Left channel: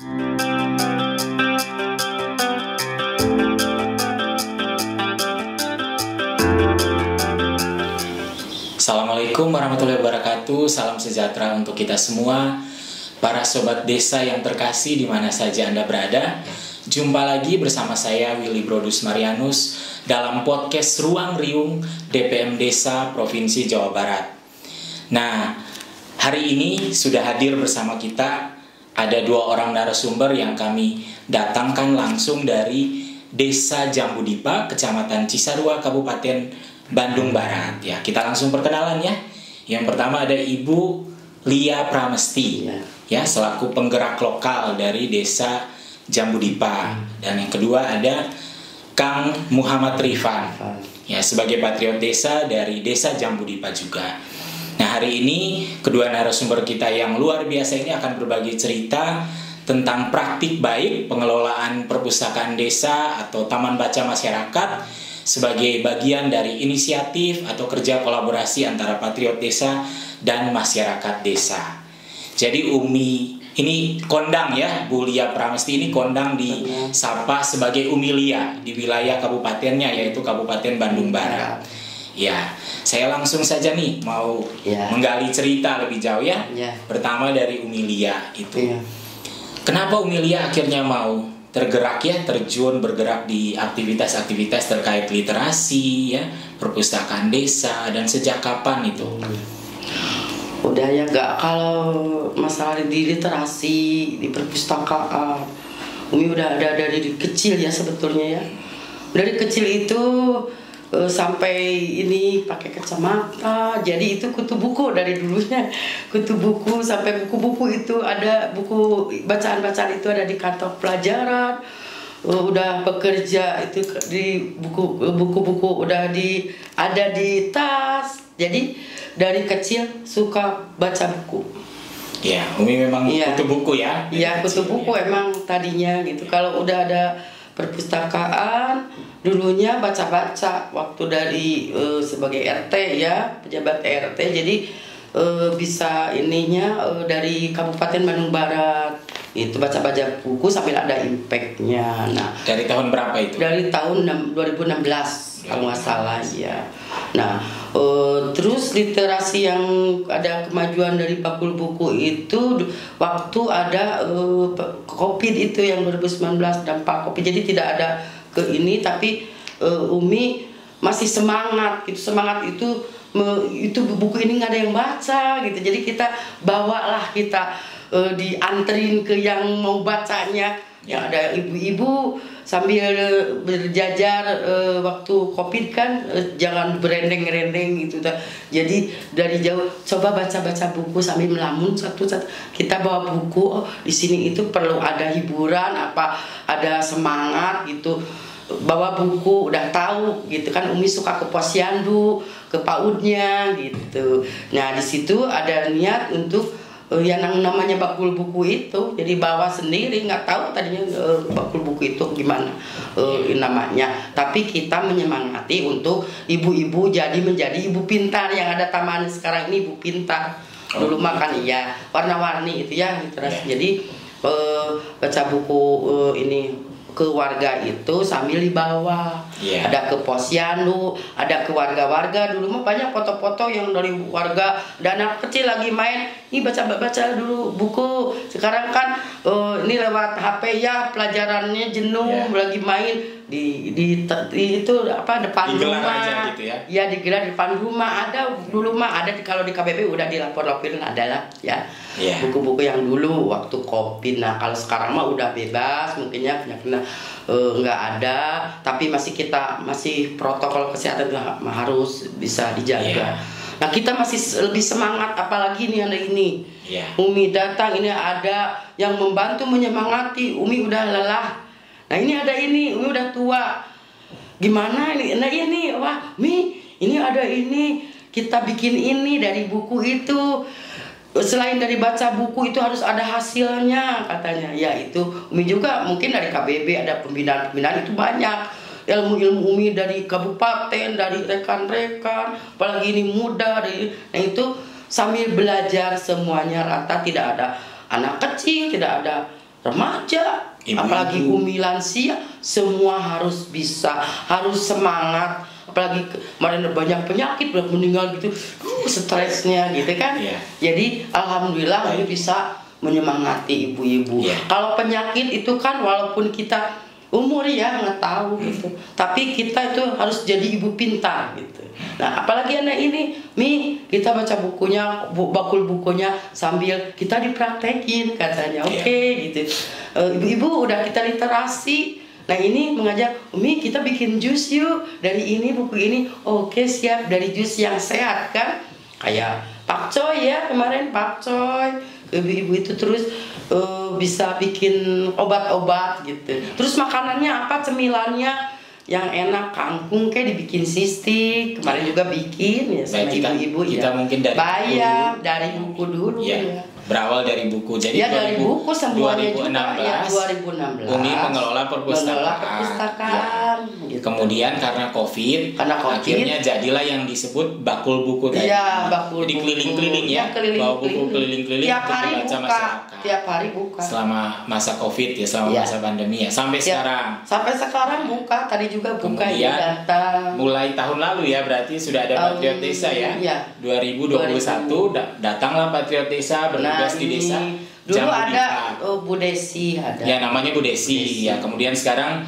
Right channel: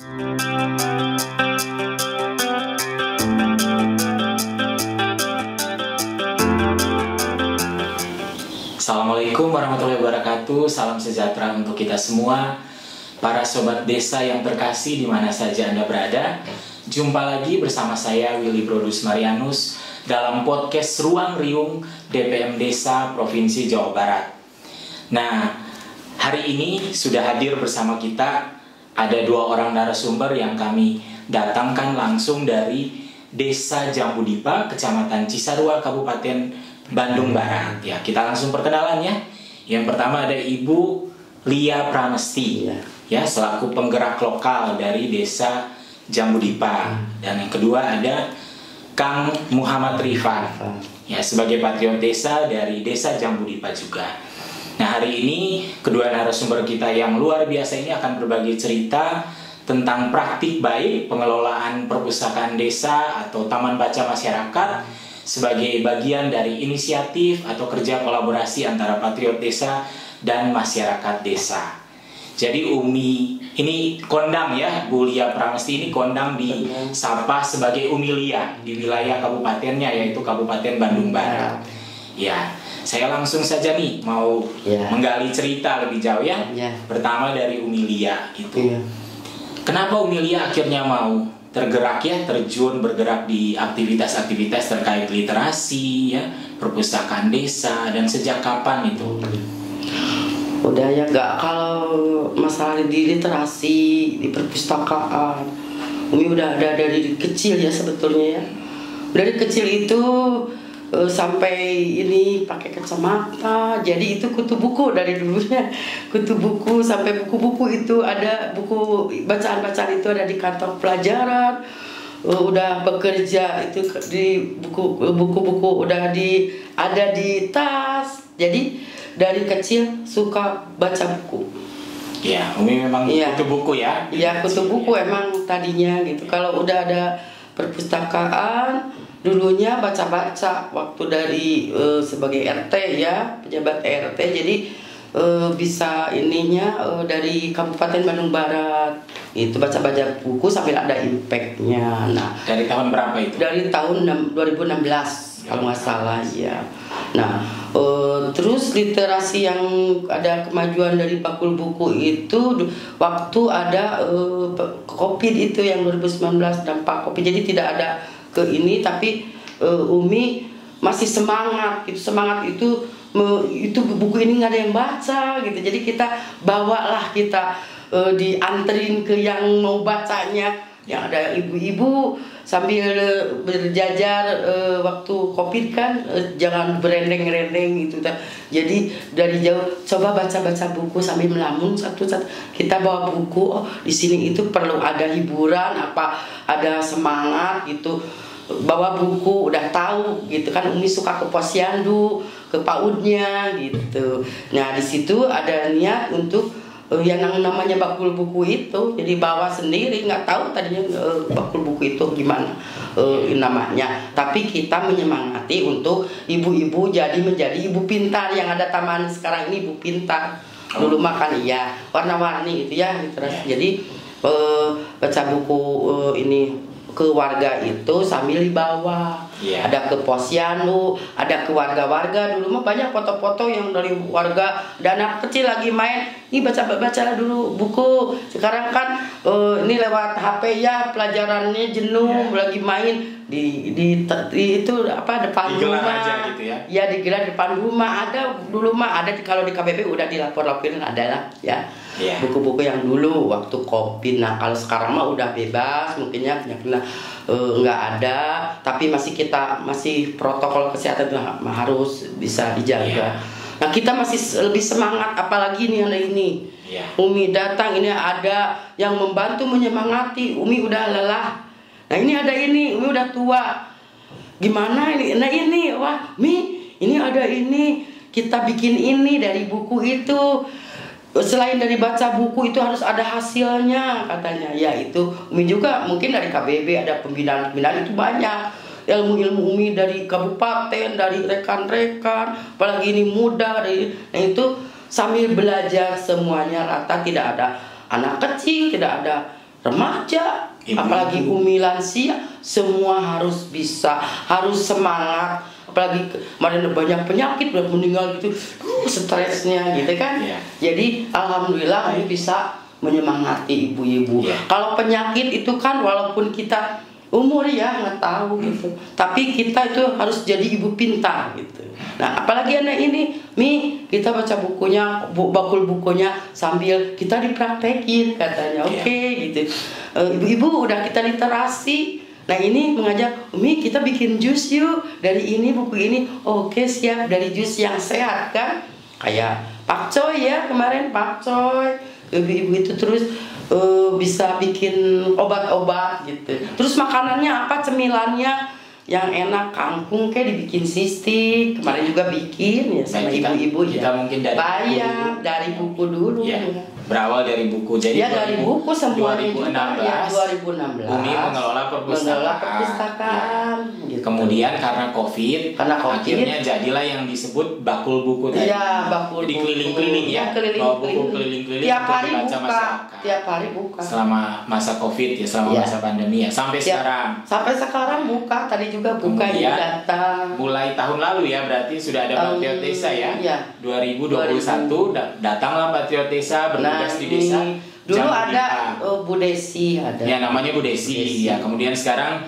Assalamualaikum warahmatullahi wabarakatuh. Salam sejahtera untuk kita semua, para sobat desa yang terkasih di mana saja Anda berada. Jumpa lagi bersama saya Willy Brodus Marianus dalam podcast Ruang Riung DPM Desa Provinsi Jawa Barat. Nah, hari ini sudah hadir bersama kita ada dua orang narasumber yang kami datangkan langsung dari Desa Jambudipa, Kecamatan Cisarua, Kabupaten Bandung Barat. Ya, kita langsung perkenalan ya. Yang pertama ada Ibu Lia Pramesti, ya, selaku penggerak lokal dari Desa Jambudipa. Dan yang kedua ada Kang Muhammad Rifan, ya, sebagai patriot desa dari Desa Jambudipa juga. Nah, hari ini kedua narasumber kita yang luar biasa ini akan berbagi cerita tentang praktik baik pengelolaan perpustakaan desa atau taman baca masyarakat sebagai bagian dari inisiatif atau kerja kolaborasi antara patriot desa dan masyarakat desa. Jadi Umi ini kondang ya, Bu Lia Pramesti ini kondang disapa sebagai Umi Lia di wilayah kabupatennya, yaitu Kabupaten Bandung Barat. Ya, saya langsung saja nih mau menggali cerita lebih jauh ya. Pertama dari Umi Lia itu. Kenapa Umi Lia akhirnya mau tergerak ya, terjun bergerak di aktivitas-aktivitas terkait literasi ya, perpustakaan desa, dan sejak kapan itu? Udah ya, gak, kalau masalah di literasi, di perpustakaan, Umi udah ada dari kecil ya sebetulnya ya. Dari kecil itu sampai ini pakai kacamata, jadi itu kutu buku dari dulunya, kutu buku sampai buku-buku itu ada, buku bacaan-bacaan itu ada di kantong pelajaran. Udah bekerja itu di buku-buku udah ada di tas. Jadi dari kecil suka baca buku. Ya, Umi memang kutu buku ya. Iya, kutu buku emang tadinya gitu. Kalau udah ada perpustakaan, dulunya baca-baca waktu dari sebagai RT ya, pejabat RT. Jadi bisa ininya dari Kabupaten Bandung Barat itu baca-baca buku sambil ada impactnya. Nah, dari tahun berapa itu? Dari tahun 2016 kalau nggak salah ya. Nah, terus literasi yang ada kemajuan dari bakul buku itu waktu ada COVID itu yang 2019, dampak COVID. Jadi tidak ada ke ini, tapi Umi masih semangat gitu. Semangat itu buku ini nggak ada yang baca gitu. Jadi kita bawalah, kita dianterin ke yang mau bacanya. Yang ada ibu-ibu sambil berjajar waktu COVID kan, jangan berendeng-rendeng gitu. Jadi dari jauh coba baca-baca buku sambil melamun satu-satu. Kita bawa buku, oh di sini itu perlu ada hiburan, apa ada semangat gitu. Bawa buku, udah tahu gitu kan. Umi suka ke Posyandu, ke PAUD-nya gitu. Nah di situ ada niat untuk yang namanya bakul buku itu, jadi bawa sendiri, nggak tahu tadinya bakul buku itu gimana namanya. Tapi kita menyemangati untuk ibu-ibu menjadi ibu pintar. Yang ada taman sekarang ini ibu pintar. Dulu makan iya warna-warni itu ya literasi. Jadi baca buku ini ke warga itu sambil dibawa. Ada ke Posyandu, ada ke warga-warga. Dulu mah banyak foto-foto yang dari warga, dan anak kecil lagi main, ini baca dulu buku. Sekarang kan ini lewat HP ya, pelajarannya jenuh, lagi main di itu apa depan rumah. Gitu ya, digelar depan rumah. Ada dulu mah ada kalau di KBP udah dilapor-laporin adalah ya. Buku-buku yang dulu waktu COVID. Nah kalau sekarang mah udah bebas mungkinnya penyakitnya nggak ada, tapi masih protokol kesehatan harus bisa dijaga. Nah kita masih lebih semangat, apalagi nih ada ini. Umi datang, ini ada yang membantu menyemangati. Umi udah lelah. Nah ini ada ini, Umi udah tua. Gimana ini? Nah ini, wah Mi, ini ada ini. Kita bikin ini dari buku itu. Selain dari baca buku itu harus ada hasilnya katanya. Ya itu Umi juga mungkin dari KBB ada pembinaan itu banyak. Ilmu-ilmu Umi dari kabupaten, dari rekan-rekan, apalagi ini muda. Nah itu sambil belajar semuanya rata, tidak ada anak kecil, tidak ada remaja, Ibu-ibu. apalagi umi lansia, semua harus bisa, harus semangat. Apalagi kemarin banyak penyakit, banyak meninggal gitu, stresnya gitu kan. Iya. Jadi alhamdulillah kami bisa menyemangati ibu-ibu. Iya. Kalau penyakit itu kan walaupun kita umur ya nggak tahu gitu, tapi kita itu harus jadi ibu pintar gitu. Nah apalagi anak ini, kita baca bukunya, bakul bukunya sambil kita dipraktekin katanya, oke gitu. Ibu-ibu udah kita literasi. Nah ini mengajak, Umi kita bikin jus yuk dari ini buku ini. Oke siap, dari jus yang sehat kan. Kayak pakcoy ya kemarin pakcoy. Ibu-ibu itu terus bisa bikin obat-obat gitu. Terus makanannya apa, cemilannya yang enak, kangkung kayak dibikin sistik. Kemarin juga bikin ya sama ibu-ibu ya. Mungkin dari bayam dari buku dulu ya. Berawal dari buku. Jadi ya dari buku semuanya 2016, juga ya 2016. Umi mengelola perpustakaan. Gitu. Kemudian karena COVID, akhirnya jadilah yang disebut bakul buku tadi. Iya, bakul jadi buku. keliling-keliling ya. Keliling-keliling. Tiap hari buka. Selama masa COVID ya, selama masa pandemi ya, sampai sekarang. Sampai sekarang buka, tadi juga buka ya datang. Mulai tahun lalu ya, berarti sudah ada Patriot Desa ya. Iya. 2021 datanglah Patriot Desa bertugas di desa. Dulu ada Bu Desi ada. Ya namanya Bu Desi. Ya, kemudian sekarang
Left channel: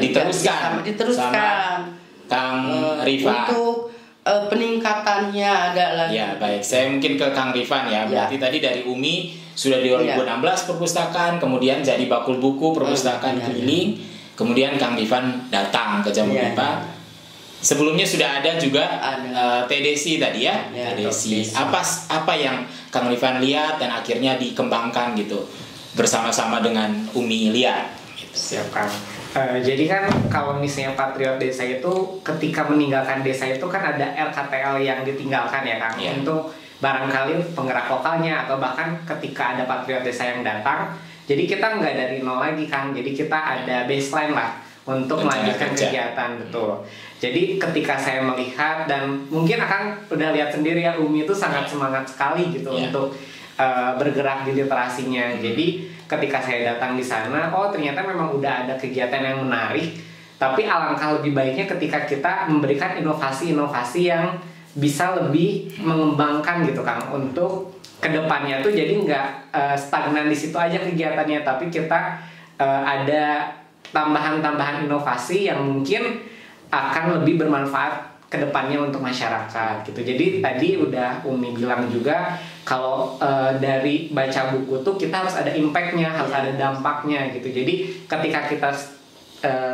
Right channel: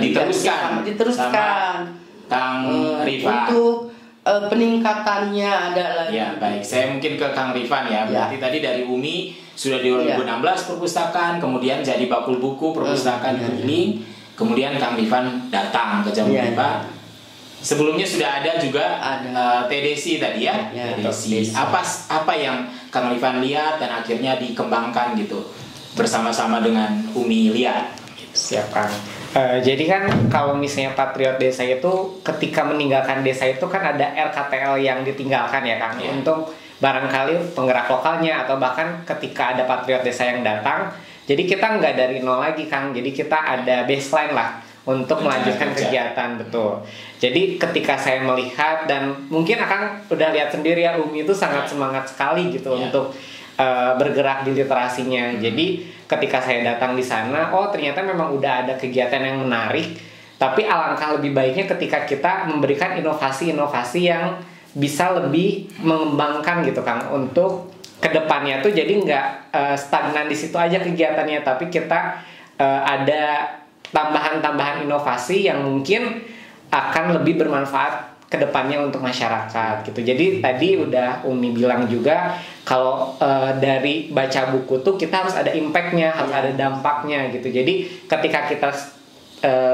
diteruskan Kang Rifa. Untuk peningkatannya ada lagi. Ya baik, saya mungkin ke Kang Rifan ya. Berarti tadi dari Umi sudah di 2016 perpustakaan, kemudian jadi bakul buku perpustakaan keliling, kemudian Kang Rifan datang ke Jamu Rifa. Sebelumnya sudah ada juga TDC tadi ya, TDC. Apa yang Kang Rifan lihat dan akhirnya dikembangkan gitu bersama-sama dengan Umi lihat. Siap Kang. Jadi kan kalau misalnya Patriot Desa itu ketika meninggalkan desa itu kan ada RKTL yang ditinggalkan ya Kang, untuk barangkali penggerak lokalnya atau bahkan ketika ada Patriot Desa yang datang, jadi kita nggak dari nol lagi Kang, jadi kita ada baseline lah untuk melanjutkan kegiatan, betul. Jadi ketika saya melihat dan mungkin Akang udah lihat sendiri ya, Umi itu sangat semangat sekali gitu untuk bergerak di literasinya. Jadi ketika saya datang di sana, oh ternyata memang udah ada kegiatan yang menarik. Tapi alangkah lebih baiknya ketika kita memberikan inovasi-inovasi yang bisa lebih mengembangkan gitu Kang, untuk kedepannya tuh jadi nggak stagnan di situ aja kegiatannya, tapi kita ada tambahan-tambahan inovasi yang mungkin akan lebih bermanfaat ke depannya untuk masyarakat gitu. Jadi tadi udah Umi bilang juga kalau dari baca buku tuh kita harus ada impactnya, harus ada dampaknya gitu. Jadi ketika kita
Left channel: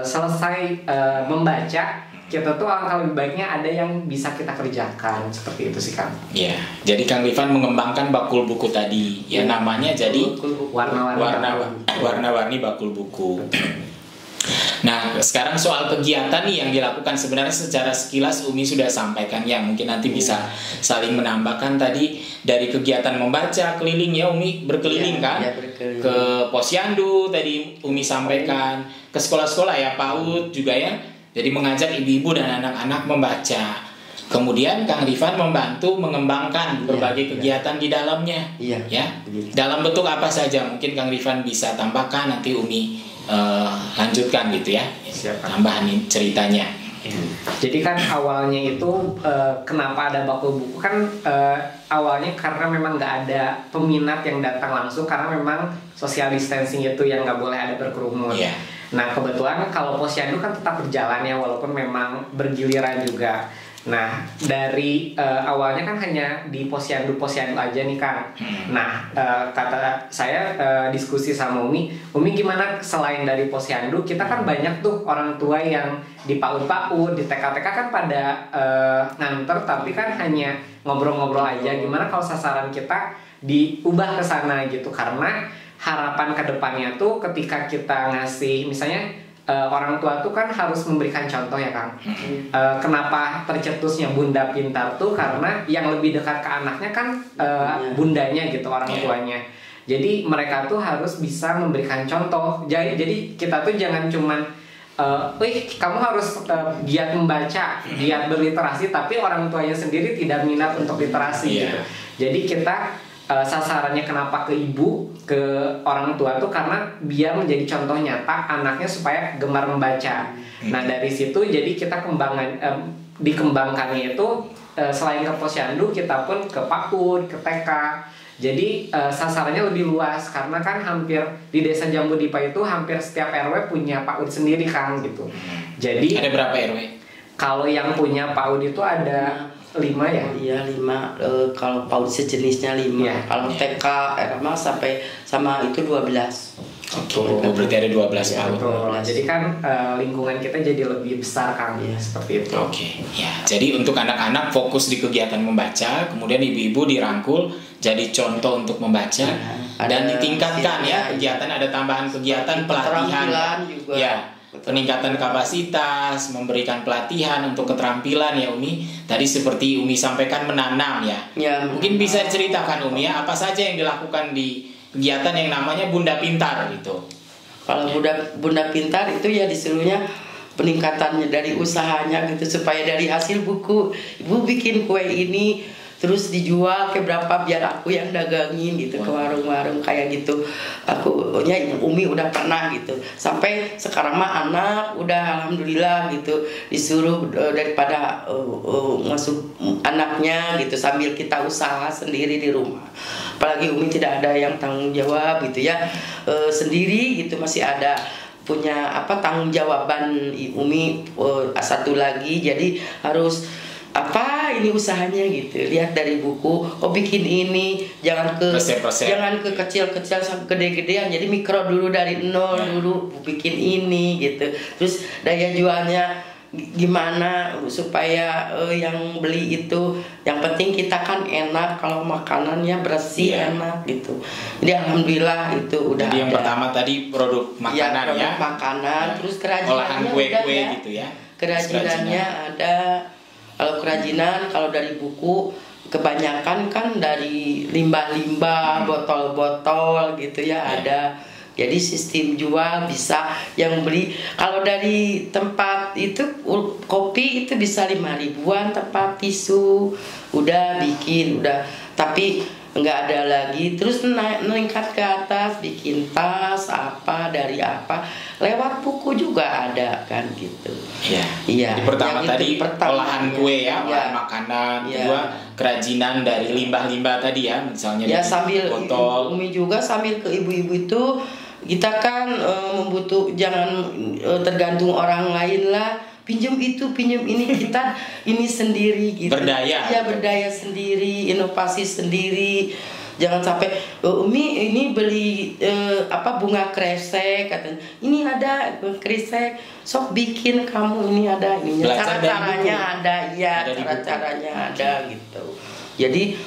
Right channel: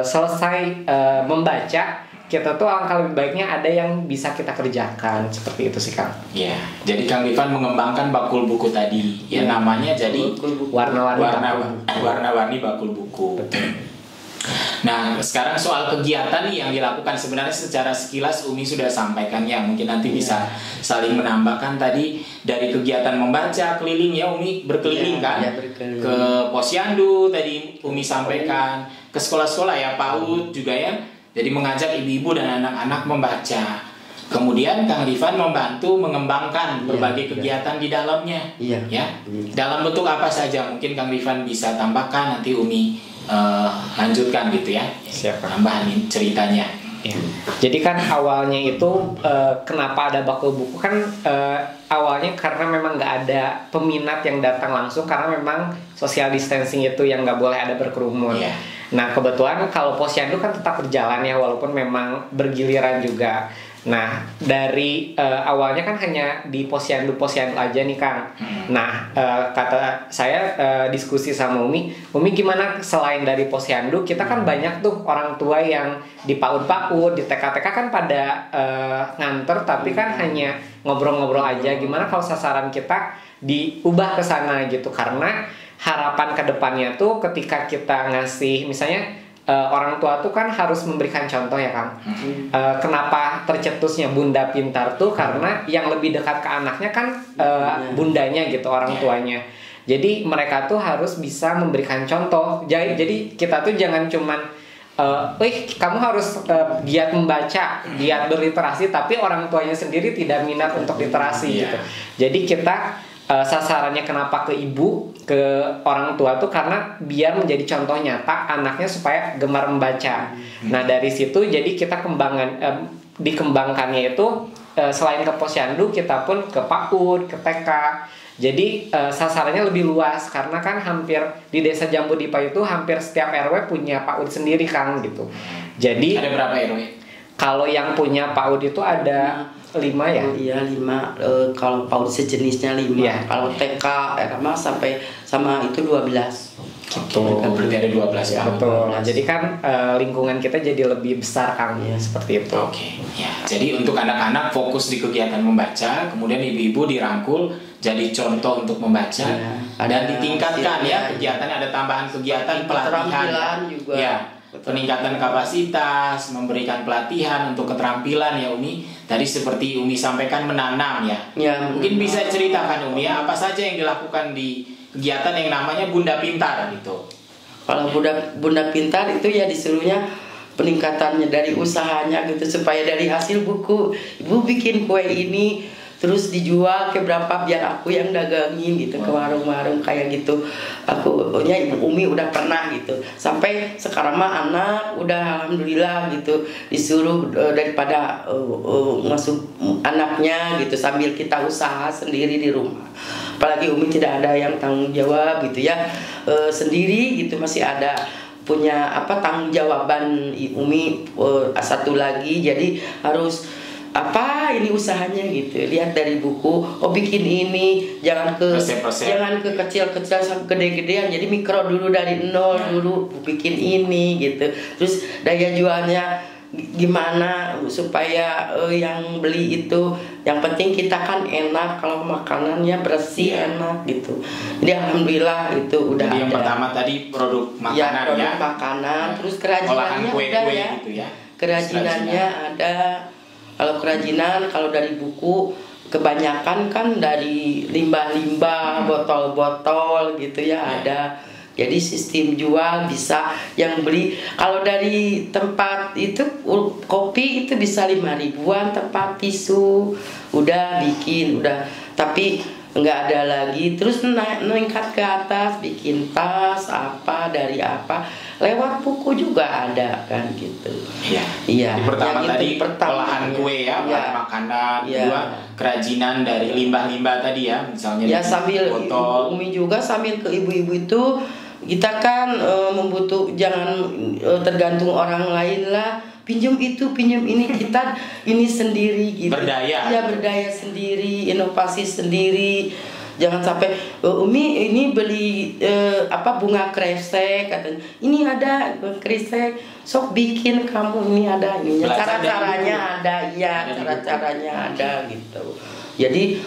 selesai membaca, kita tuh alangkah lebih baiknya ada yang bisa kita kerjakan, seperti itu sih Kang. Iya, jadi Kang Rifan mengembangkan bakul buku tadi, namanya jadi warna-warni bakul buku. Nah, sekarang soal kegiatan nih yang dilakukan sebenarnya secara sekilas Umi sudah sampaikan ya, mungkin nanti bisa saling menambahkan tadi dari kegiatan membaca keliling ya, Umi berkeliling kan, berkeliling. Ke Posyandu tadi Umi sampaikan, ke sekolah-sekolah ya PAUD juga ya, jadi mengajak ibu-ibu dan anak-anak membaca. Kemudian Kang Rifan membantu mengembangkan berbagai kegiatan di dalamnya, ya. Dalam bentuk apa saja mungkin Kang Rifan bisa tambahkan, nanti Umi lanjutkan gitu ya. Tambahan ceritanya. Ya. Jadi kan awalnya itu kenapa ada bakul buku kan awalnya karena memang nggak ada peminat yang datang langsung, karena memang social distancing itu yang nggak boleh ada berkerumun. Nah kebetulan kalau Posyandu kan tetap berjalan ya, walaupun memang bergiliran juga. Nah dari awalnya kan hanya di posyandu aja nih Kang. Nah kata saya diskusi sama Umi gimana selain dari posyandu, kita kan banyak tuh orang tua yang di PAUD, di TK-TK kan pada nganter, tapi kan hanya ngobrol-ngobrol aja. Gimana kalau sasaran kita diubah ke sana gitu, karena harapan kedepannya tuh ketika kita ngasih misalnya orang tua tuh kan harus memberikan contoh ya Kang. Kenapa tercetusnya Bunda Pintar tuh karena yang lebih dekat ke anaknya kan bundanya gitu, orang tuanya. Jadi mereka tuh harus bisa memberikan contoh. Jadi kita tuh jangan cuman kamu harus giat membaca, giat berliterasi, tapi orang tuanya sendiri tidak minat untuk literasi gitu. Jadi kita sasarannya kenapa ke ibu, ke orang tua tuh karena biar menjadi contoh nyata anaknya supaya gemar membaca. Nah dari situ jadi kita dikembangkannya itu selain ke posyandu kita pun ke PAUD, ke TK. Jadi sasarannya lebih luas karena kan hampir di Desa Jambu Dipa itu hampir setiap RW punya PAUD sendiri Kang gitu. Jadi ada berapa RW? Kalau yang punya PAUD itu ada 5 ya? Iya 5. Kalau PAUD sejenisnya 5. Ya. Kalau TK SMA sampai sama itu 12. Berarti ada 12 ya, PAUD. Jadi kan lingkungan kita jadi lebih besar Kang ya, seperti itu. Oke. Ya, jadi untuk anak-anak fokus di kegiatan membaca, kemudian ibu-ibu dirangkul jadi contoh untuk membaca dan ditingkatkan ya kegiatan, ada tambahan kegiatan pelatihan juga. Ya. Peningkatan kapasitas, memberikan pelatihan untuk keterampilan ya Umi. Tadi seperti Umi sampaikan menanam ya. Mungkin bisa ceritakan Umi ya, apa saja yang dilakukan di kegiatan yang namanya Bunda Pintar gitu. Kalau Bunda Pintar itu ya disuruhnya peningkatannya dari usahanya gitu, supaya dari hasil buku ibu bikin kue ini terus dijual ke berapa biar aku yang dagangin gitu ke warung-warung kayak gitu. Akunya Ibu Umi udah pernah gitu. Sampai sekarang mah anak udah alhamdulillah gitu disuruh daripada masuk anaknya gitu sambil kita usaha sendiri di rumah. Apalagi Umi tidak ada yang tanggung jawab gitu ya. Sendiri gitu masih ada punya tanggung jawaban Umi satu lagi, jadi harus ini usahanya gitu, lihat dari buku, bikin ini jangan ke kecil-kecil sampai gede-gedean, jadi mikro dulu dari nol dulu bikin ini gitu, terus daya jualnya gimana supaya yang beli itu yang penting kita kan enak, kalau makanannya bersih enak gitu. Jadi alhamdulillah itu udah jadi ada. Yang pertama tadi produk makanan produk makanan, terus kerajinannya udah ya. Gitu ya. Kerajinannya ada. Kalau kerajinan, kalau dari buku kebanyakan kan dari limbah-limbah, botol-botol gitu ya ada. Jadi sistem jual bisa yang beli. Kalau dari tempat itu kopi itu bisa 5 ribuan, tempat tisu udah bikin udah, tapi nggak ada lagi. Terus meningkat ke atas, bikin tas dari apa lewat buku juga ada kan gitu. Iya. Pertama tadi olahan kue ya, olahan makanan, kedua kerajinan dari limbah-limbah tadi ya, misalnya ya sambil botol. Umi juga sambil ke ibu-ibu itu kita kan jangan tergantung orang lain lah, pinjam itu pinjam ini, kita ini sendiri gitu. Berdaya sendiri, inovasi sendiri. Jangan sampai Umi ini beli bunga kresek katanya, ini ada kresek, sok bikin kamu, ini ada ininya, cara-caranya ada ya, cara-caranya ada gitu. Jadi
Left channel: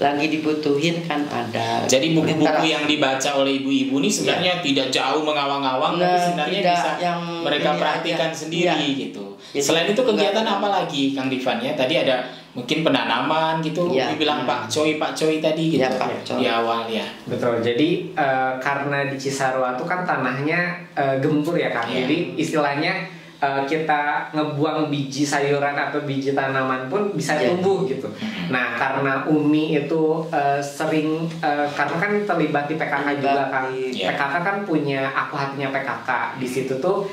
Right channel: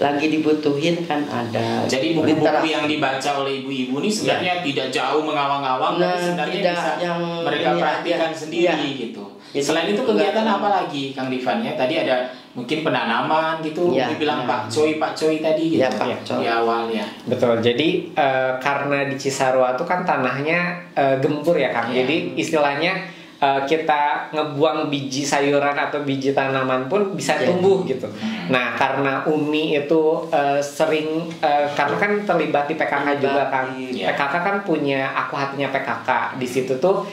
lagi dibutuhin kan ada. Jadi buku-buku yang dibaca oleh ibu-ibu ini sebenarnya tidak jauh mengawang-awang, sebenarnya bisa yang mereka perhatikan sendiri gitu. Selain itu kegiatan apa lagi Kang Divan ya? Tadi ada mungkin penanaman gitu, dibilang Pak Coy tadi gitu, di awal ya. Betul. Jadi karena di Cisarua itu kan tanahnya gembur ya Kang. Jadi istilahnya kita ngebuang biji sayuran atau biji tanaman pun bisa tumbuh gitu. Nah karena Umi itu sering karena kan terlibat di PKK juga kan. PKK kan punya Aku Hatinya PKK. Di situ tuh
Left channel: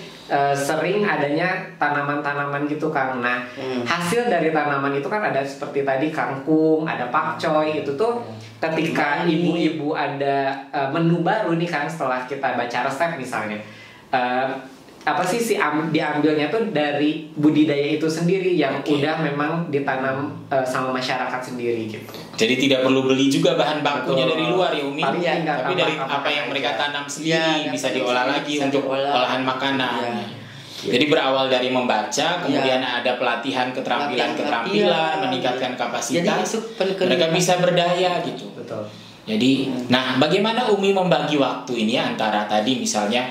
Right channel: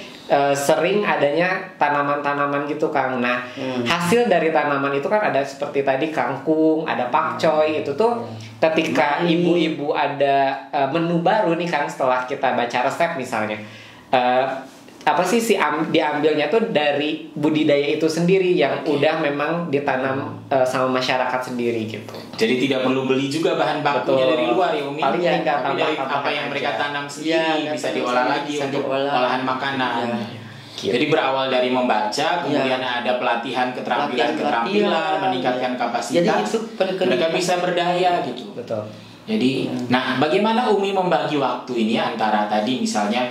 sering adanya tanaman-tanaman gitu Kang. Nah hasil dari tanaman itu kan ada seperti tadi kangkung, ada pakcoy, itu tuh ketika ibu-ibu ada menu baru nih Kang, setelah kita baca resep misalnya, diambilnya tuh dari budidaya itu sendiri yang udah memang ditanam sama masyarakat sendiri gitu. Jadi tidak perlu beli juga bahan bakunya dari luar ya Umi, tapi dari apa yang mereka tanam sendiri bisa diolah lagi untuk olahan makanan. Jadi berawal dari membaca, kemudian ada pelatihan keterampilan, meningkatkan kapasitas, mereka bisa berdaya gitu. Betul. Jadi, bagaimana Umi membagi waktu ini antara tadi misalnya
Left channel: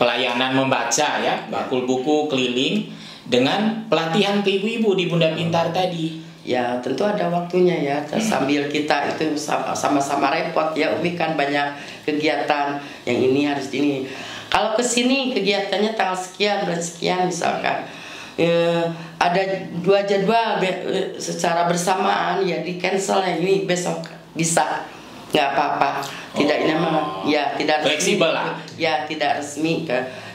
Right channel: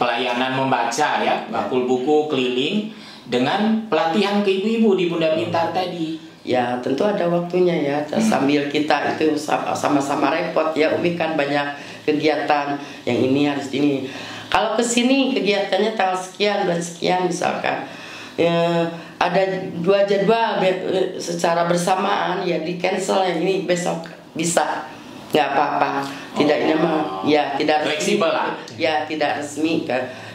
pelayanan membaca ya, bakul buku keliling, dengan pelatihan ke ibu-ibu di Bunda Pintar tadi? Ya tentu ada waktunya ya, sambil kita itu sama-sama repot ya. Umi kan banyak kegiatan, yang ini harus ini. Kalau kesini kegiatannya tanggal sekian, bulan sekian misalkan, ada 2 jadwal secara bersamaan ya, di cancel yang ini besok bisa, nggak apa-apa. Tidak ini mah ya tidak resmi. Fleksibel lah. Ya tidak resmi.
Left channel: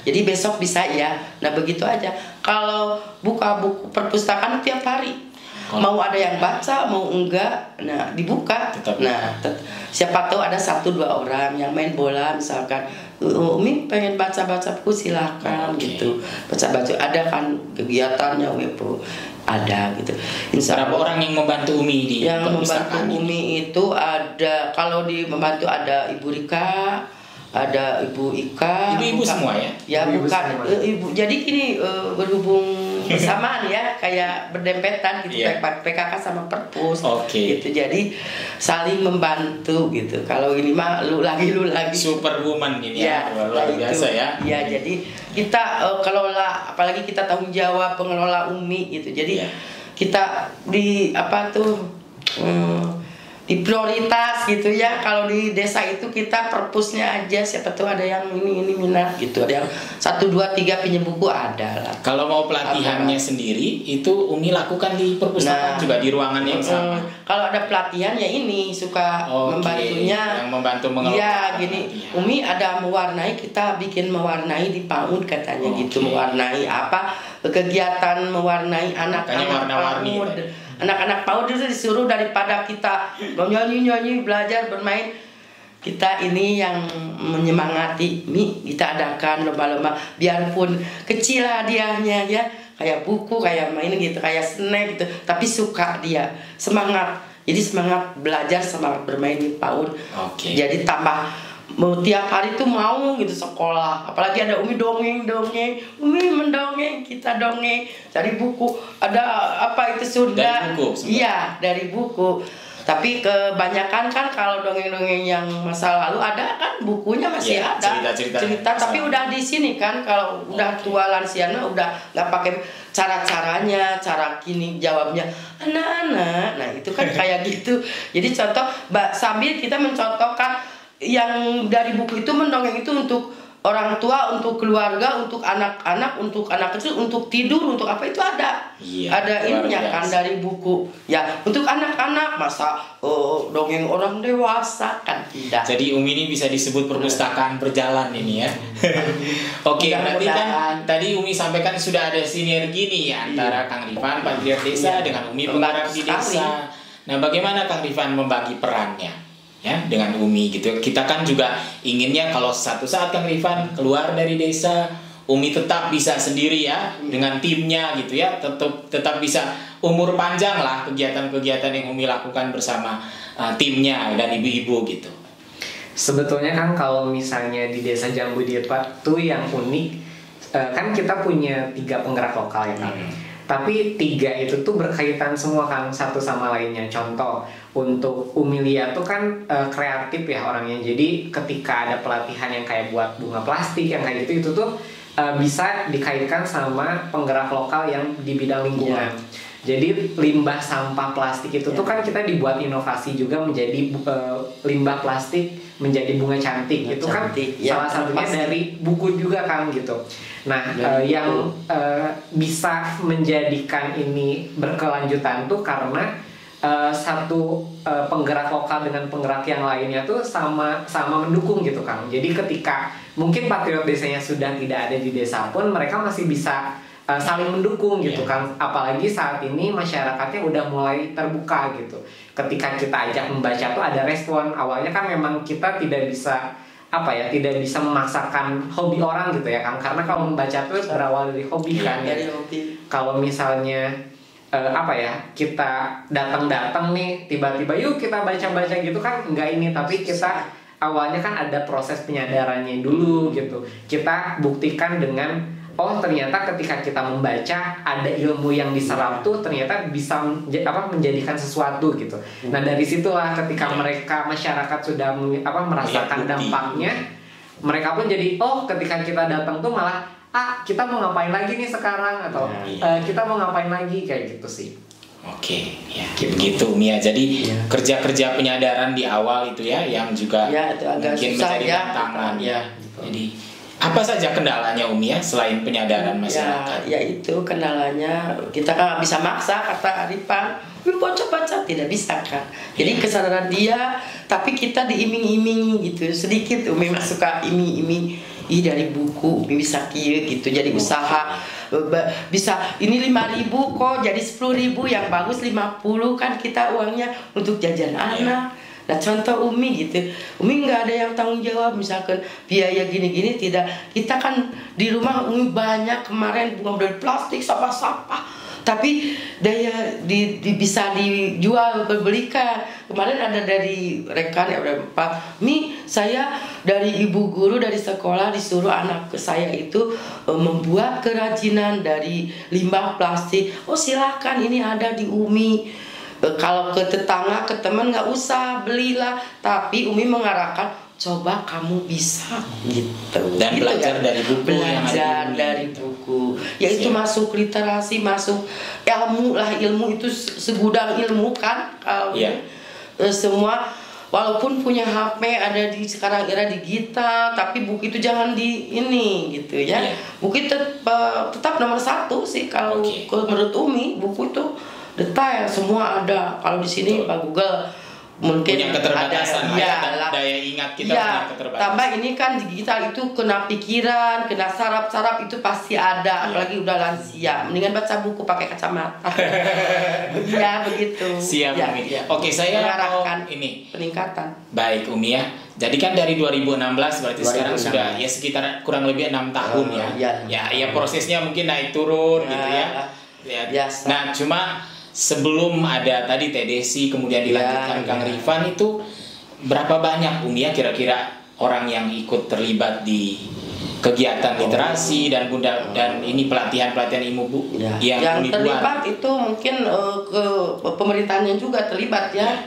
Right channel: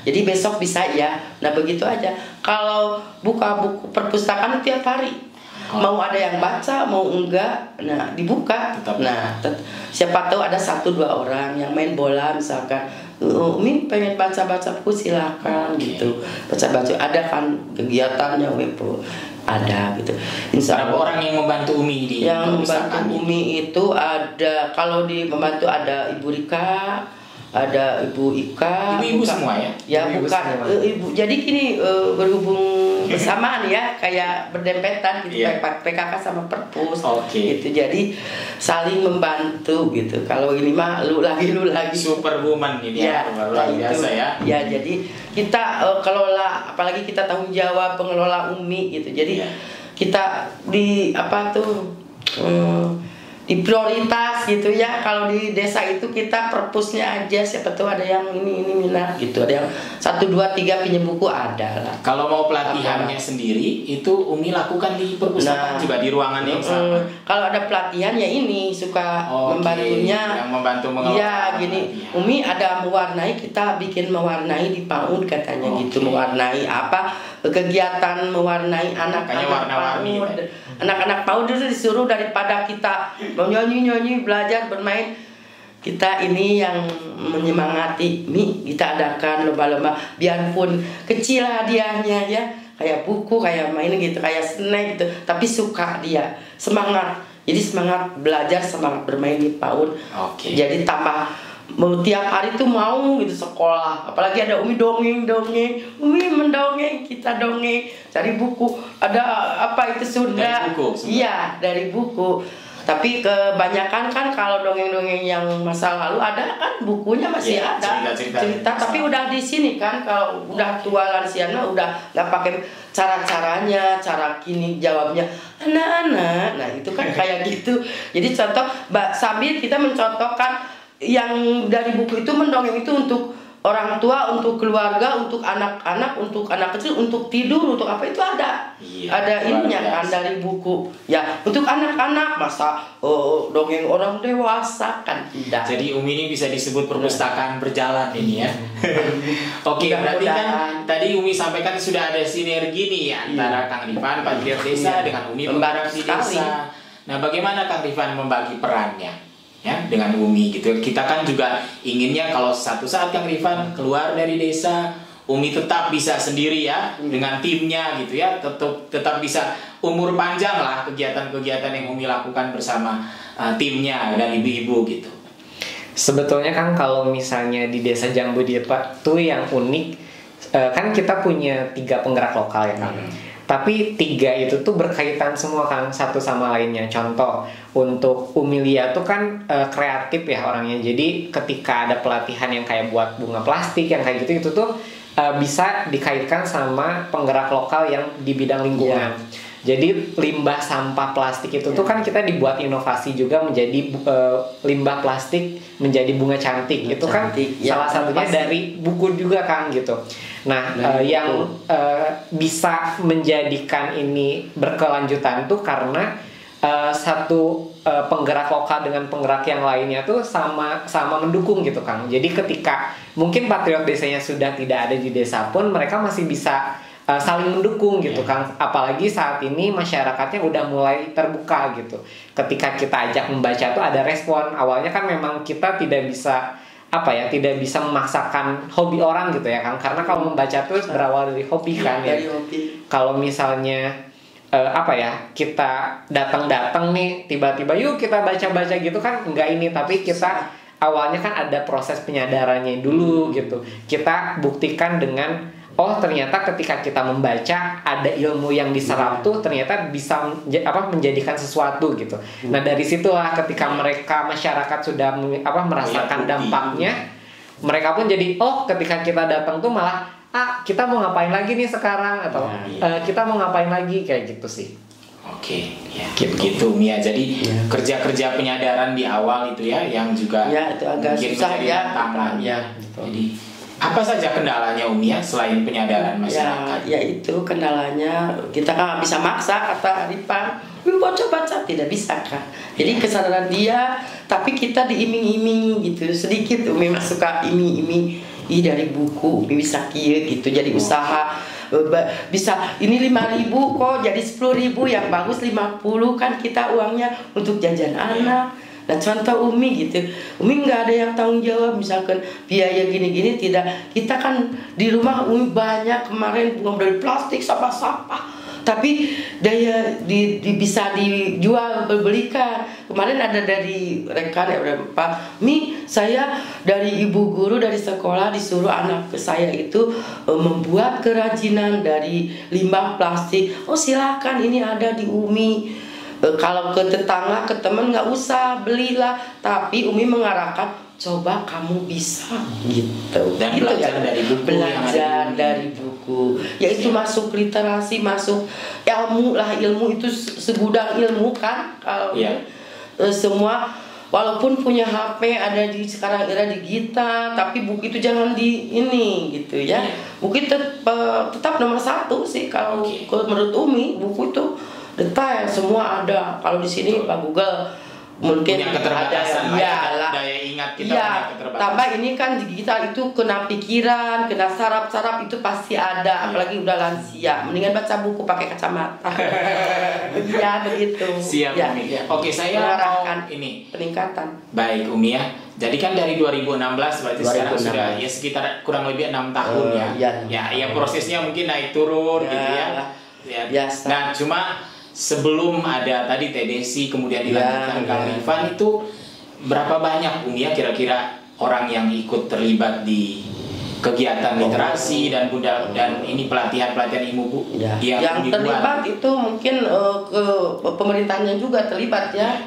Jadi besok bisa ya. Nah begitu aja. Kalau buka buku perpustakaan tiap hari, mau ada yang baca mau enggak, nah dibuka. Nah siapa tahu ada 1-2 orang yang main bola misalkan, Umi pengen baca-baca buku silakan gitu. Baca-baca ada kan kegiatannya Umi ada gitu. Insya Allah. Orang yang membantu Umi di yang membantu Umi itu ada, kalau di membantu ada Ibu Rika, ada Ibu Ika, ibu semua ya? Ya bukan ibu. Jadi gini berhubung bersamaan ya, kayak berdempetan gitu, kayak PKK sama Perpus, gitu. Jadi saling membantu gitu. Kalau ini mah lu lagi. Superwoman ini ya, luar biasa ya. Ya jadi kita kelola, apalagi kita tanggung jawab pengelola Umi gitu. Jadi kita di apa tuh? Di prioritas gitu ya. Kalau di desa itu kita perpusnya aja, siapa tahu ada yang ini minat gitu, ada yang 1, 2, 3 pinjam buku ada lah. Kalau mau pelatihannya sendiri itu Umi lakukan di perpustakaan juga di ruangan yang sama. Kalau ada pelatihan ya ini suka membantunya, yang membantu mengelola. Ya gini, Umi ada mewarnai, kita bikin mewarnai di PAUD katanya gitu, mewarnai apa kegiatan mewarnai anak-anak PAUD. Anak-anak PAUD itu disuruh daripada kita nyanyi belajar bermain, kita ini yang menyemangati, kita adakan lomba-lomba biarpun kecil hadiahnya ya, kayak buku, kayak main gitu, kayak snack gitu, tapi suka dia semangat, jadi semangat belajar, semangat bermain di PAUD. Jadi tambah tiap hari tuh mau gitu sekolah, apalagi ada Umi dongeng, Umi mendongeng, kita dongeng, cari buku, ada apa itu Sunda, iya dari buku. Tapi kebanyakan kan kalau dongeng-dongeng yang masa lalu ada kan bukunya masih ada cerita, tapi udah di sini kan, kalau udah tua lansiana udah nggak pakai cara-caranya, cara kini jawabnya anak-anak, nah itu kan kayak gitu. Jadi contoh sambil kita mencontohkan yang dari buku itu, mendongeng itu untuk orang tua, untuk keluarga, untuk anak-anak, untuk anak kecil, untuk tidur, untuk apa itu ada. Ada ininya kan dari buku. Ya, untuk anak-anak masa dongeng orang dewasa kan tidak. Jadi Umi ini bisa disebut perpustakaan berjalan ini ya. Berarti kan tadi Umi sampaikan sudah ada sinergi nih ya antara Kang Rifan Patriot Desa dengan Umi penggerak di desa. Nah, bagaimana Kang Rifan membagi perannya? Ya, dengan Umi gitu. Kita kan juga inginnya kalau satu saat Kang Rifan keluar dari desa, Umi tetap bisa sendiri ya dengan timnya gitu ya, tetap bisa umur panjang lah kegiatan-kegiatan yang Umi lakukan bersama timnya dan ibu-ibu gitu. Sebetulnya kan kalau misalnya di desa Jambu Diet tuh yang unik, kan kita punya 3 penggerak lokal ya kan. Tapi 3 itu tuh berkaitan semua kan satu sama lainnya. Contoh untuk Umilia tuh kan kreatif ya orangnya. Jadi ketika ada pelatihan yang kayak buat bunga plastik yang kayak gitu, itu tuh bisa dikaitkan sama penggerak lokal yang di bidang lingkungan. Jadi limbah sampah plastik itu tuh kan kita dibuat inovasi juga menjadi limbah plastik menjadi bunga cantik. Itu kan salah satunya dari buku juga kan gitu. Nah, yang bisa menjadikan ini berkelanjutan tuh karena satu penggerak lokal dengan penggerak yang lainnya tuh sama mendukung gitu kan. Jadi ketika mungkin patriot desanya sudah tidak ada di desa pun mereka masih bisa saling mendukung gitu kan. Apalagi saat ini masyarakatnya udah mulai terbuka gitu. Ketika kita ajak membaca tuh ada respon. Awalnya kan memang kita tidak bisa tidak bisa memaksakan hobi orang gitu ya kan, karena kalau membaca tuh berawal dari hobi kan. Dari hobi. Kalau misalnya kita datang nih tiba-tiba yuk kita baca gitu kan, enggak ini, tapi kita awalnya kan ada proses penyadarannya dulu gitu. Kita buktikan dengan ternyata ketika kita membaca ada ilmu yang diserap tuh ternyata bisa menjadikan sesuatu gitu. Nah dari situlah ketika masyarakat sudah merasakan dampaknya, mereka pun jadi ketika kita datang tuh malah kita mau ngapain lagi nih sekarang, atau kita mau ngapain lagi, kayak gitu sih. Gitu Mia. Jadi kerja-kerja penyadaran di awal itu ya yang juga itu agak susah ya. Jadi apa saja kendalanya Umi ya selain penyadaran masyarakat? Ya itu kendalanya, kita kan bisa maksa, kata Rifan, baca tidak bisa kan. Jadi kesadaran dia, tapi kita diiming-iming gitu sedikit. Umi suka iming-iming dari buku Umi bisa kieu gitu, jadi usaha bisa ini 5.000 kok jadi 10.000, yang bagus 50 kan kita uangnya untuk jajan anak. Nah contoh Umi gitu, Umi nggak ada yang tanggung jawab misalkan biaya gini-gini, tidak. Kita kan di rumah Umi banyak kemarin bunga dari plastik, sampah-sampah, tapi daya bisa dijual berbelikan. Kemarin ada dari rekan ya udah Pak Mi, saya dari ibu guru dari sekolah disuruh anak saya itu membuat kerajinan dari limbah plastik. Oh silakan, ini ada di Umi. Kalau ke tetangga, ke teman nggak usah belilah, tapi Umi mengarahkan coba kamu bisa gitu. Dan gitu belajar ya. dari buku, belajar dari buku, yaitu masuk literasi, masuk ilmu lah. Ilmu itu segudang ilmu kan kalau semua. Walaupun punya HP ada di sekarang era digital, tapi buku itu jangan di ini gitu ya. Buku tetap nomor 1 sih kalau menurut Umi. Buku itu detail semua ada. Kalau di sini Pak Google mungkin ada iyalah daya ingat kita tambah ini kan digital itu kena pikiran, kena saraf itu pasti ada, apalagi udah lansia. Mendingan baca buku pakai kacamata. Iya begitu. Siap Umi. Oke, saya mengarahkan ini peningkatan. Baik Umi ya. Jadi kan dari 2016 berarti 2016. Sekarang sudah ya sekitar kurang lebih 6 tahun ya prosesnya mungkin naik turun gitu ya. Biasa. Nah cuma sebelum ada tadi TDC kemudian dilanjutkan Kang Rifan, itu berapa banyak Umi ya kira-kira orang yang ikut terlibat di kegiatan literasi dan ini pelatihan ilmu Bu yang terlibat itu mungkin ke pemerintahannya juga terlibat ya.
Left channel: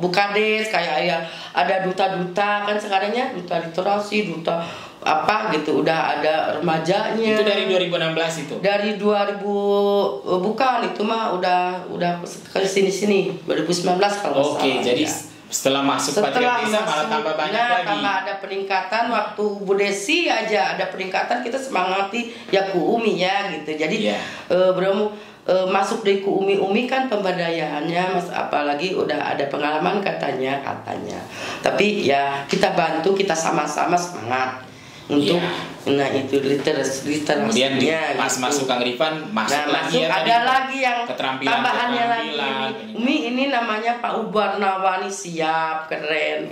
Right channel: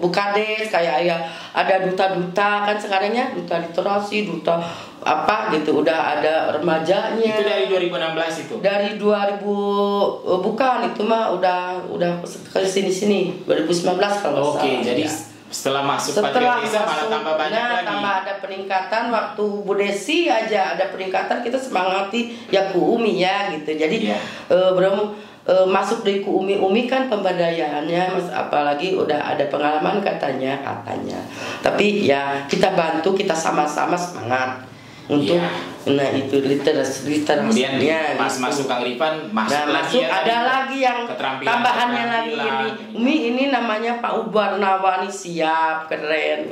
Bukades kayak ada duta-duta kan sekarangnya, duta literasi, duta apa gitu, udah ada remajanya. Itu dari 2016 itu. Dari 2000 bukan, itu mah udah ke sini 2019 kalau nggak salah. Jadi setelah masuk malah tambah banyak lagi. Tambah ada peningkatan. Waktu Bu Desi aja ada peningkatan, kita semangati ya ku Umi ya gitu. Jadi masuk dari ku Umi kan pemberdayaannya Mas, apalagi udah ada pengalaman katanya. Tapi ya kita bantu, kita sama-sama semangat untuk nah itu literasinya kemudian pas gitu. masuk Kang Rifan masuk ada lagi yang tambahannya lagi ini Umi ini namanya Pak Ubarnawani, siap keren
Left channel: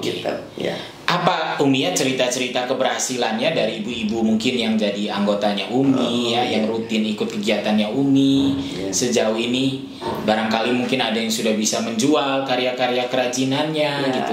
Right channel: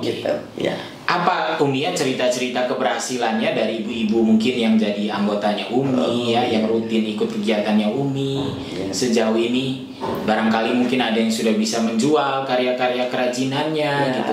gitu ya. Apa Umi ya cerita-cerita keberhasilannya dari ibu-ibu mungkin yang jadi anggotanya Umi yang rutin ikut kegiatannya Umi sejauh ini, barangkali mungkin ada yang sudah bisa menjual karya-karya kerajinannya gitu.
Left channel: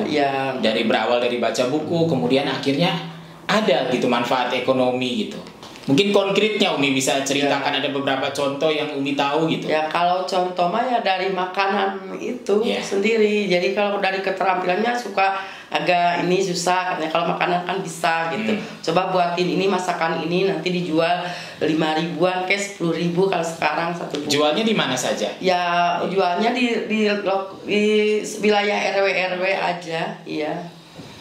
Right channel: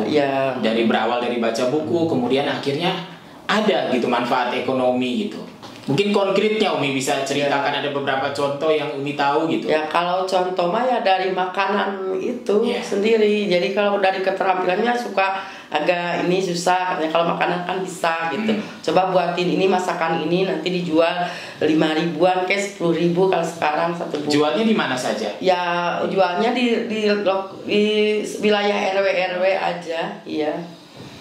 Dari berawal dari baca buku kemudian akhirnya ada gitu manfaat ekonomi gitu. Mungkin konkretnya Umi bisa ceritakan, ada beberapa contoh yang Umi tahu gitu. Ya kalau contoh mah ya dari makanan itu sendiri. Jadi kalau dari keterampilannya suka agak ini susah katanya, kalau makanan kan bisa gitu. Coba buatin ini, masakan ini, nanti dijual 5.000-an ke 10.000 kalau sekarang satu buku. Jualnya di mana saja? Ya jualnya di wilayah RW aja, iya.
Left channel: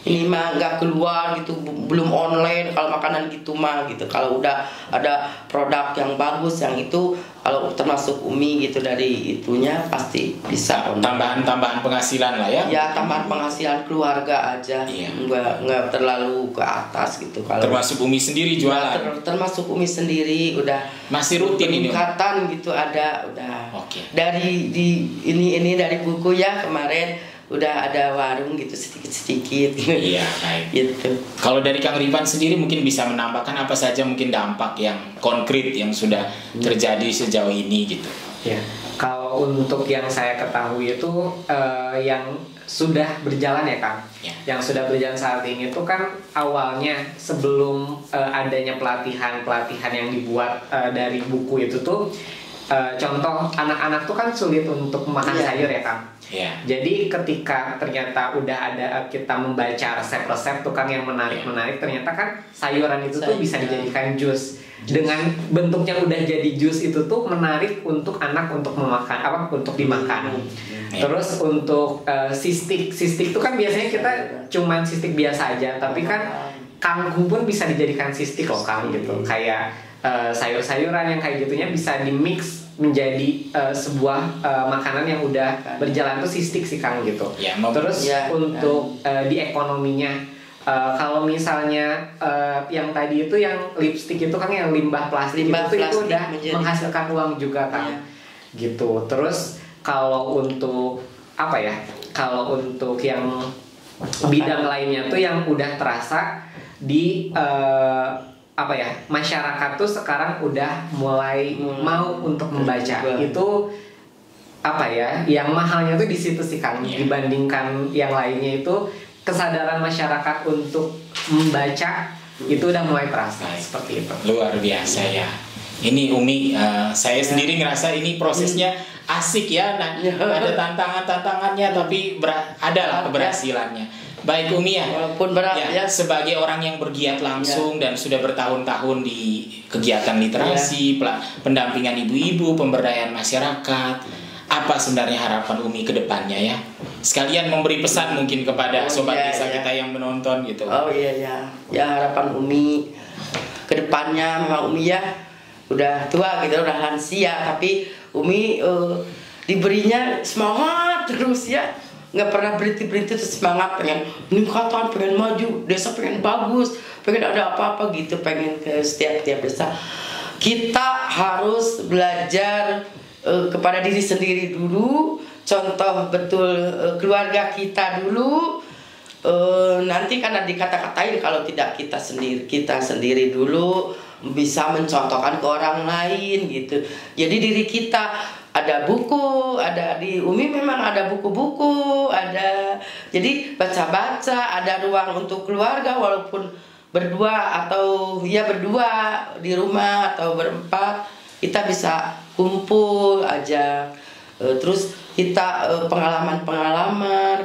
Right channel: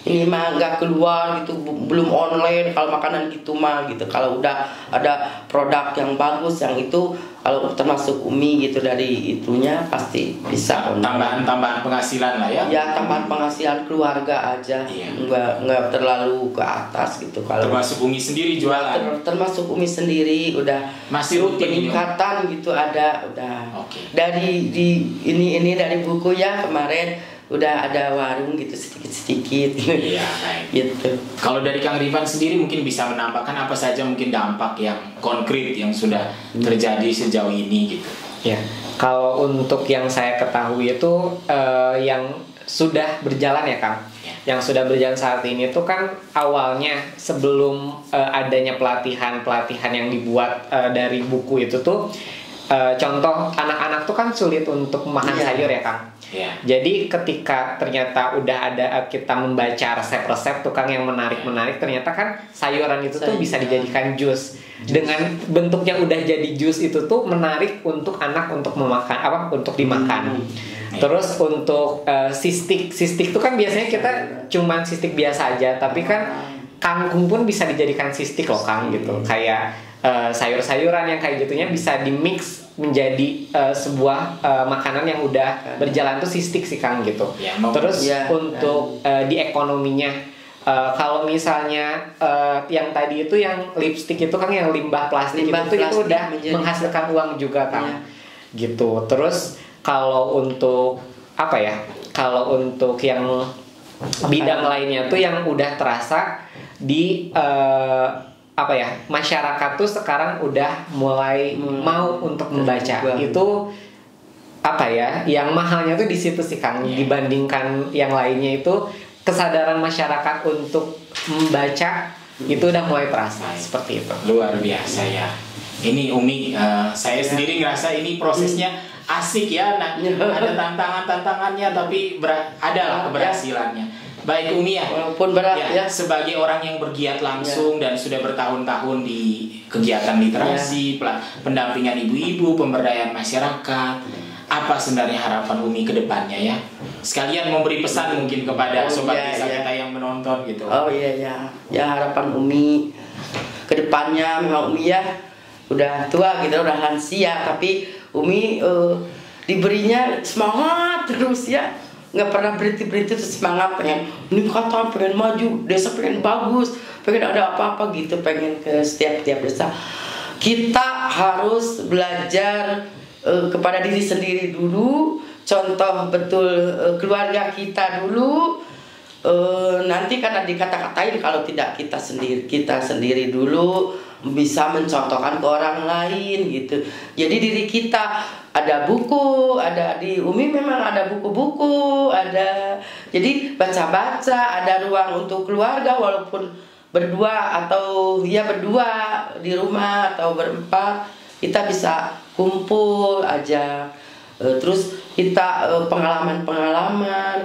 Ini mah nggak keluar gitu, belum online kalau makanan gitu mah gitu. Kalau udah ada produk yang bagus yang itu, kalau termasuk Umi gitu dari itunya pasti bisa tambahan penghasilan lah ya. Ya tambahan penghasilan keluarga aja, nggak terlalu ke atas gitu. Kalau termasuk Umi sendiri jualan. Termasuk Umi sendiri udah masih rutin peningkatan gitu ada udah. Dari ini dari buku ya kemarin. Udah ada warung gitu sedikit-sedikit gitu. Kalau dari Kang Rifan sendiri mungkin bisa menambahkan apa saja mungkin dampak yang konkret yang sudah terjadi sejauh ini gitu. Ya, kalau untuk yang saya ketahui itu yang sudah berjalan ya Kang. Yang sudah berjalan saat ini tuh kan awalnya sebelum adanya pelatihan yang dibuat dari buku itu tuh contoh anak-anak tuh kan sulit untuk makan sayur ya Kang. Jadi ketika ternyata udah ada kita membaca resep-resep tuh kan yang menarik, ternyata kan sayuran itu tuh bisa dijadikan jus. Dengan bentuknya udah jadi jus itu tuh menarik untuk anak untuk memakan untuk dimakan. Terus untuk sistik tuh kan biasanya kita cuman sistik biasa aja, tapi kan kangkung pun bisa dijadikan sistik loh Kang gitu. Kayak sayur-sayuran yang kayak gitunya bisa di mix menjadi sebuah makanan yang udah berjalan tuh si stick sih Kang gitu. Terus untuk di ekonominya, kalau misalnya yang tadi itu yang lipstick itu kan yang limbah plastik, itu udah menghasilkan uang juga Kang. Gitu. Terus kalau untuk apa ya? Kalau untuk yang bidang lainnya tuh yang udah terasa di apa ya, masyarakat tuh sekarang udah mulai mau untuk membaca. Itu apa ya, yang mahalnya tuh di situ sih Kang, dibandingkan yang lainnya itu kesadaran masyarakat untuk membaca itu udah mulai terasa. Seperti itu. Luar biasa ya. Ini Umi, saya sendiri ngerasa ini prosesnya asik ya. Nah, ada tantangannya tapi ada lah keberhasilannya. Baik Umi ya, walaupun berat ya, sebagai orang yang bergiat langsung dan sudah bertahun-tahun di kegiatan literasi, pendampingan ibu-ibu, pemberdayaan masyarakat, apa sebenarnya harapan Umi ke depannya ya? Sekalian memberi pesan mungkin kepada sobat desa kita yang menonton gitu. Ya harapan Umi ke depannya, memang Umi ya udah tua gitu, udah lansia, tapi Umi diberinya semangat terus ya. Nggak pernah berhenti tuh semangat, pengen meningkatkan, pengen maju, desa pengen bagus, pengen ada apa-apa gitu, pengen ke setiap desa. Kita harus belajar kepada diri sendiri dulu, contoh betul keluarga kita dulu. Nanti kan dikata-katain kalau tidak kita sendiri dulu bisa mencontohkan ke orang lain gitu. Jadi diri kita ada buku, ada di Umi memang ada buku-buku, ada jadi baca-baca, ada ruang untuk keluarga walaupun berdua atau berdua di rumah atau berempat, kita bisa kumpul aja. Terus kita pengalaman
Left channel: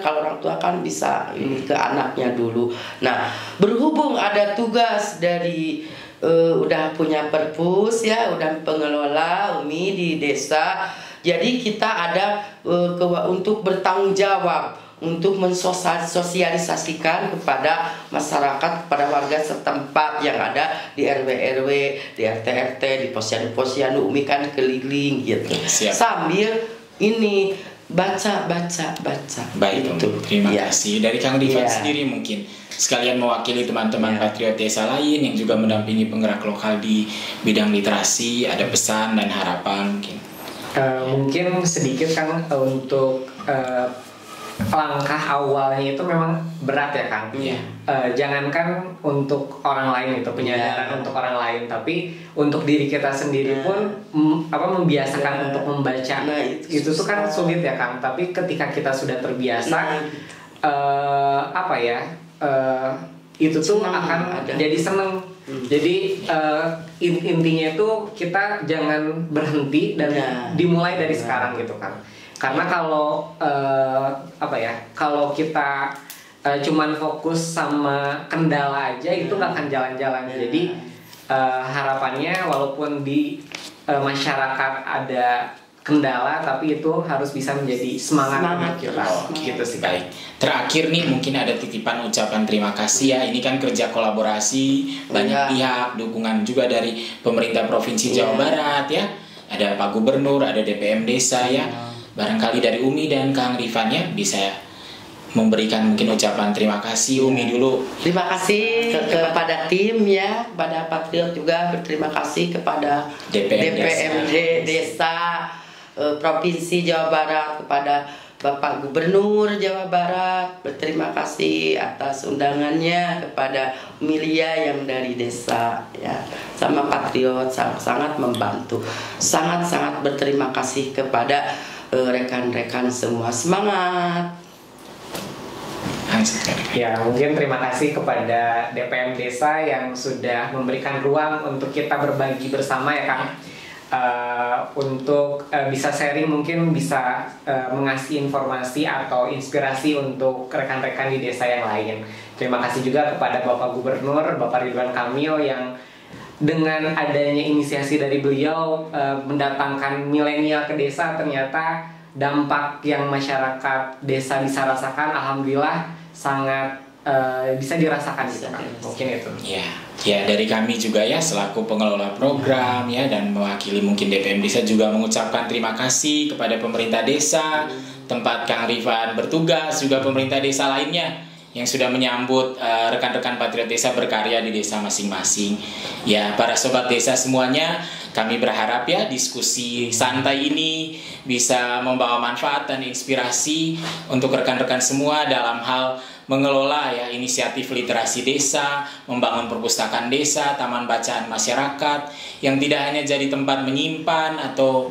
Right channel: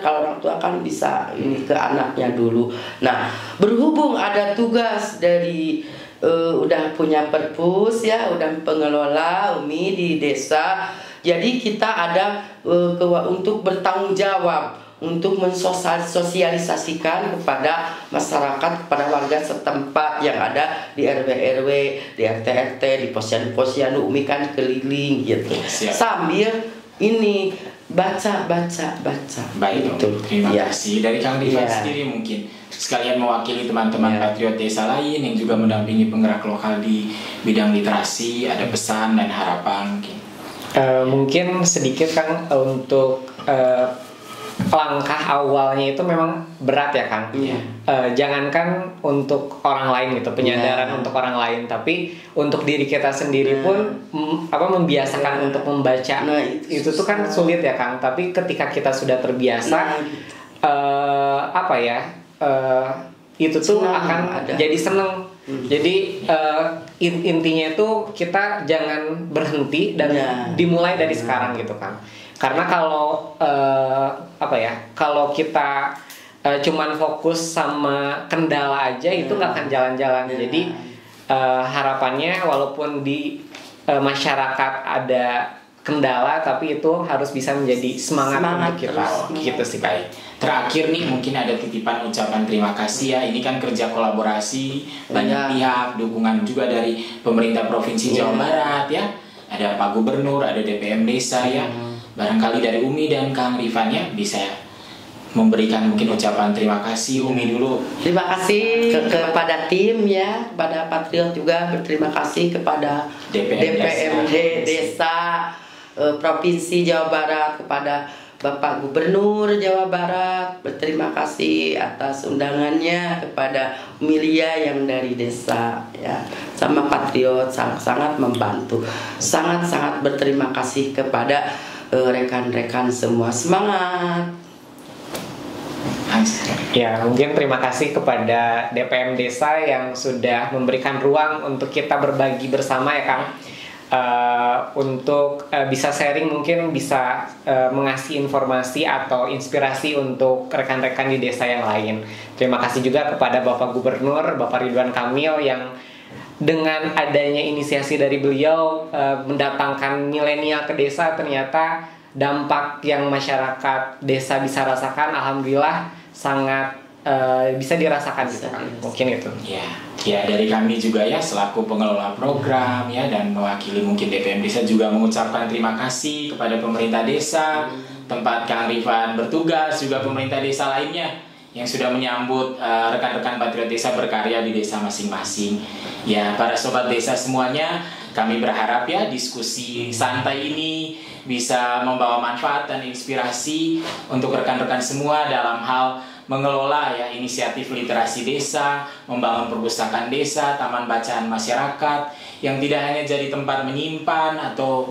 kalau orang tua kan bisa ini ke anaknya dulu. Nah, berhubung ada tugas dari udah punya perpus ya, udah pengelola Umi di desa. Jadi kita ada untuk bertanggung jawab untuk mensosialisasikan kepada masyarakat, kepada warga setempat yang ada di RW-RW, di RT-RT, di posyandu-posyandu. Umi kan keliling gitu. Sambil ini baca. Baik, gitu. Terima kasih. Dari Kang Rifan sendiri mungkin sekalian mewakili teman-teman patriot desa lain yang juga mendampingi penggerak lokal di bidang literasi, ada pesan dan harapan mungkin. Mungkin sedikit kan untuk langkah awalnya itu memang berat ya Kang. Jangankan untuk orang lain gitu, penyadaran untuk orang lain, tapi untuk diri kita sendiri pun membiasakan untuk membaca. Itu tuh kan sulit ya Kang. Tapi ketika kita sudah terbiasa, itu tuh akan jadi seneng. Jadi intinya itu kita jangan berhenti dan dimulai dari sekarang gitu kan. Karena kalau kalau kita cuman fokus sama kendala aja itu nggak akan jalan-jalan. Jadi harapannya walaupun di masyarakat ada kendala, tapi itu harus bisa menjadi semangat kita. Gitu sih. Baik. Terakhir nih mungkin ada titipan ucapan terima kasih ya. Ini kan kerja kolaborasi banyak pihak, dukungan juga dari pemerintah Provinsi Jawa Barat ya. Ada Pak Gubernur, ada DPM Desa ya. Barangkali dari Umi dan Kang Rifan ya bisa memberikan mungkin ucapan terima kasih. Umi dulu. Terima kasih kepada tim ya, kepada Patriot juga berterima kasih kepada DPMD Desa Provinsi Jawa Barat, kepada Bapak Gubernur Jawa Barat, berterima kasih atas undangannya, kepada Milia yang dari desa ya, sama Patriot sangat membantu, sangat berterima kasih kepada rekan-rekan semua. Semangat. Ya, mungkin terima kasih kepada DPM Desa yang sudah memberikan ruang untuk kita berbagi bersama ya Kang. Untuk bisa sharing, mungkin bisa mengasih informasi atau inspirasi untuk rekan-rekan di desa yang lain. Terima kasih juga kepada Bapak Gubernur, Bapak Ridwan Kamil, yang dengan adanya inisiasi dari beliau mendatangkan milenial ke desa, ternyata dampak yang masyarakat desa bisa rasakan, alhamdulillah sangat bisa dirasakan. Mungkin itu. Ya, Ya, dari kami juga ya selaku pengelola program ya dan mewakili mungkin DPM Desa juga mengucapkan terima kasih kepada pemerintah desa, tempat Kang Rifan bertugas, juga pemerintah desa lainnya yang sudah menyambut rekan-rekan Patriot Desa berkarya di desa masing-masing. Ya, para sobat desa semuanya, kami berharap ya diskusi santai ini bisa membawa manfaat dan inspirasi untuk rekan-rekan semua dalam hal mengelola ya inisiatif literasi desa, membangun perpustakaan desa, taman bacaan masyarakat yang tidak hanya jadi tempat menyimpan atau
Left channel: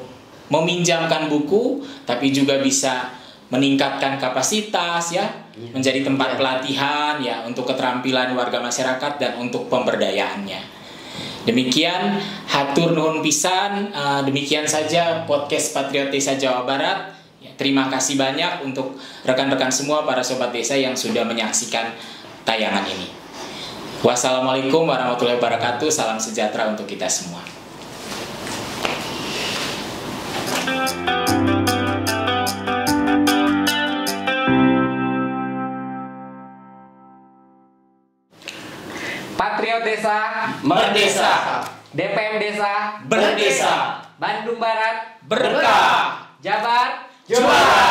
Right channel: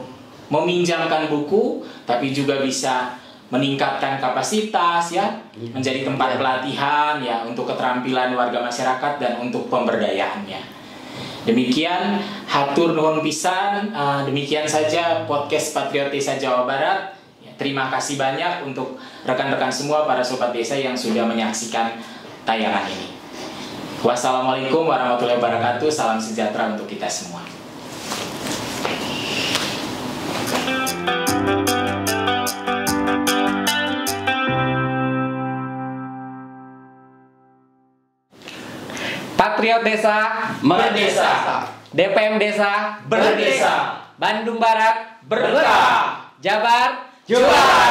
meminjamkan buku, tapi juga bisa meningkatkan kapasitas ya, menjadi tempat pelatihan ya untuk keterampilan warga masyarakat dan untuk pemberdayaannya. Demikian hatur nuhun pisan, demikian saja podcast Patriot Desa Jawa Barat. Terima kasih banyak untuk rekan-rekan semua para sobat desa yang sudah menyaksikan tayangan ini. Wassalamualaikum warahmatullahi wabarakatuh. Salam sejahtera untuk kita semua. Patriot Desa Merdesa, DPM Desa berdesa, Bandung Barat berkah, Jabar juara.